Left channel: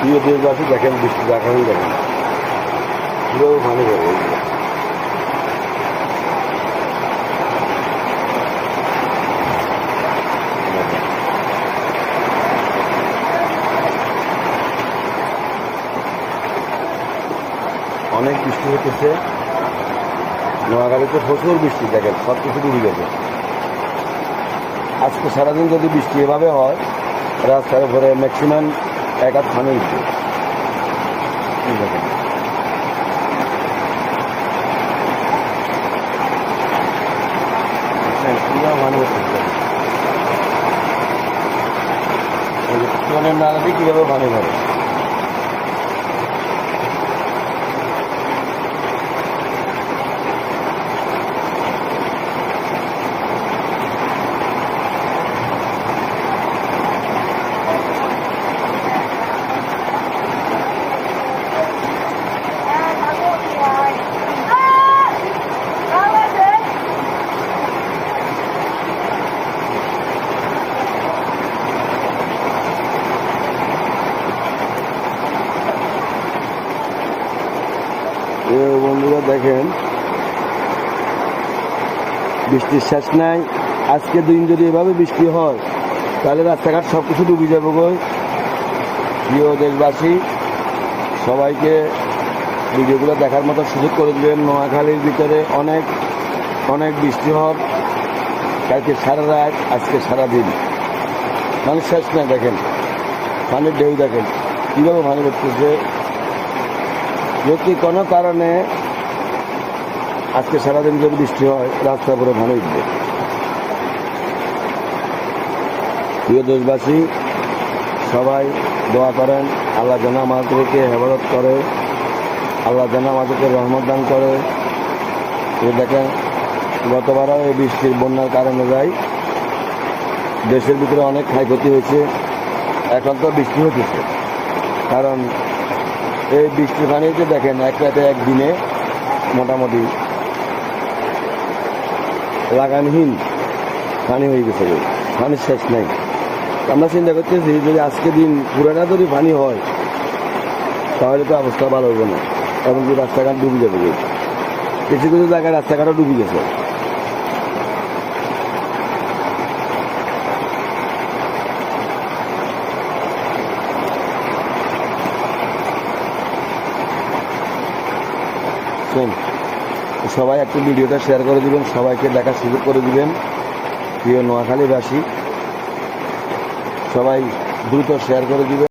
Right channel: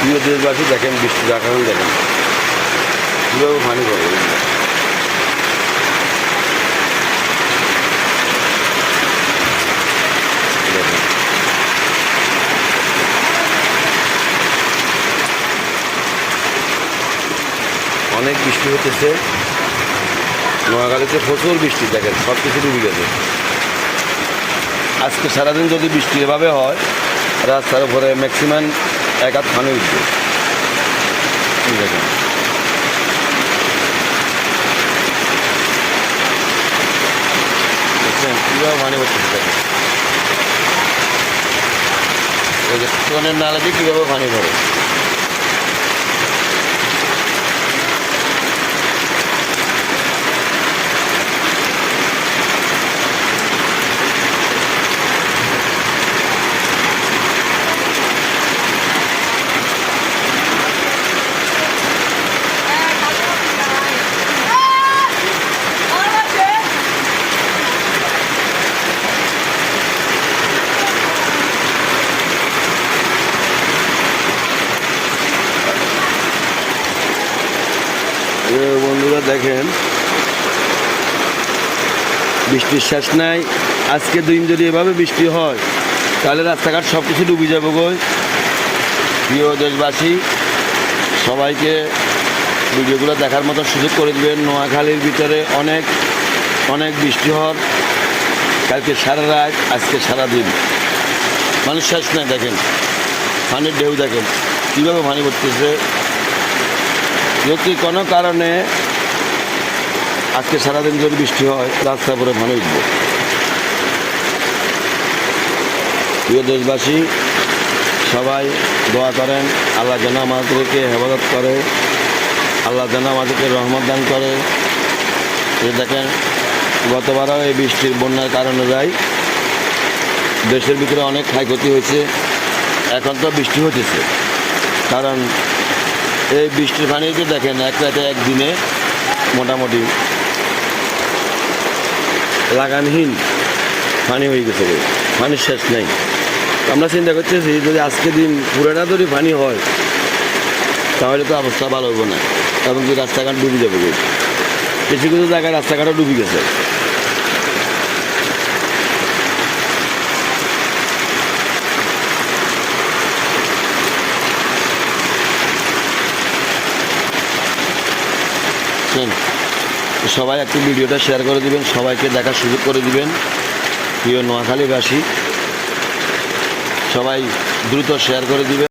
প্রিয় দেশবাসী দেখেন বৃষ্টি দেখান দেখেন কীভাবে পানি ধরে অনেক বৃষ্টি হতেছে নোয়াখালীতে প্রচুর বৃষ্টি দেখেন সব কিছু ডুবে গেছে। আজকে সারাদিন যদি বৃষ্টি এভাবে হয় রাস্তার উপরে ম্যাক্সিমাম এক হাত পানি উঠবে দেখেন। কীভাবে পানি পড়তেছে নালাটি কীভাবে পানি ভরে বন্ধুরা দেখেন বৃষ্টির শেষ নাই। আজকে দিন যদি এভাবে বৃষ্টি হয় তাহলে রাস্তাঘাট সব কিছু ডুবে যাবে গো। প্রিয় দেশবাসী সবাইকে ভিডিওগুলো দেখার মতো সুযোগ করে দেবেন। নোয়াখালীর ভিতরে অনেক অনেক বৃষ্টি হওয়ার কালকে সারা রাত আজকে সারাদিন মানুষ শেষ নাই। দেখেন পানির ঢেউ দেখেন কীভাবে পানি পড়তেছে। যদি কোনো কারণে আজকে সারাদিন যদি বৃষ্টি হয় রাস্তার উপরে পানি উঠবে। প্রিয় দেশবাসী সবাই দোয়া করেন আল্লাহ যেন আমাদেরকে হেফাজত করে, আল্লাহ যেন আমাদেরকে রহমত দান করে। দেখেন গতবারও এই বৃষ্টির বন্যার কারণে যায় দেশের ভিতরে অনেক ক্ষয়ক্ষতি হয়েছে। এখন তো বৃষ্টি হতেছে কারণ এই বৃষ্টির পানিতে দেখেন এক রাতে একদিনে মোটামুটি লাগানহীন পানি হয়ে গেছে, পানির শেষ নাই। আমরা চিন্তা করতেছি যদি আজকে দিন পুরাটা যদি পানি হয় তাহলে তো অবস্থা ভালো হবে না এবং কি রাস্তাঘাট ডুবে যাবে। কিছু কিছু জায়গায় রাস্তাঘাটও ডুবে গেছে। সবাই একটু ভিডিওটা শেয়ার করে দিবেন, সবাইকে দেখার সুযোগ করে দিবেন। প্রিয় নোয়াখালীবাসী সবাই দ্রুত শেয়ার করে দিবেন।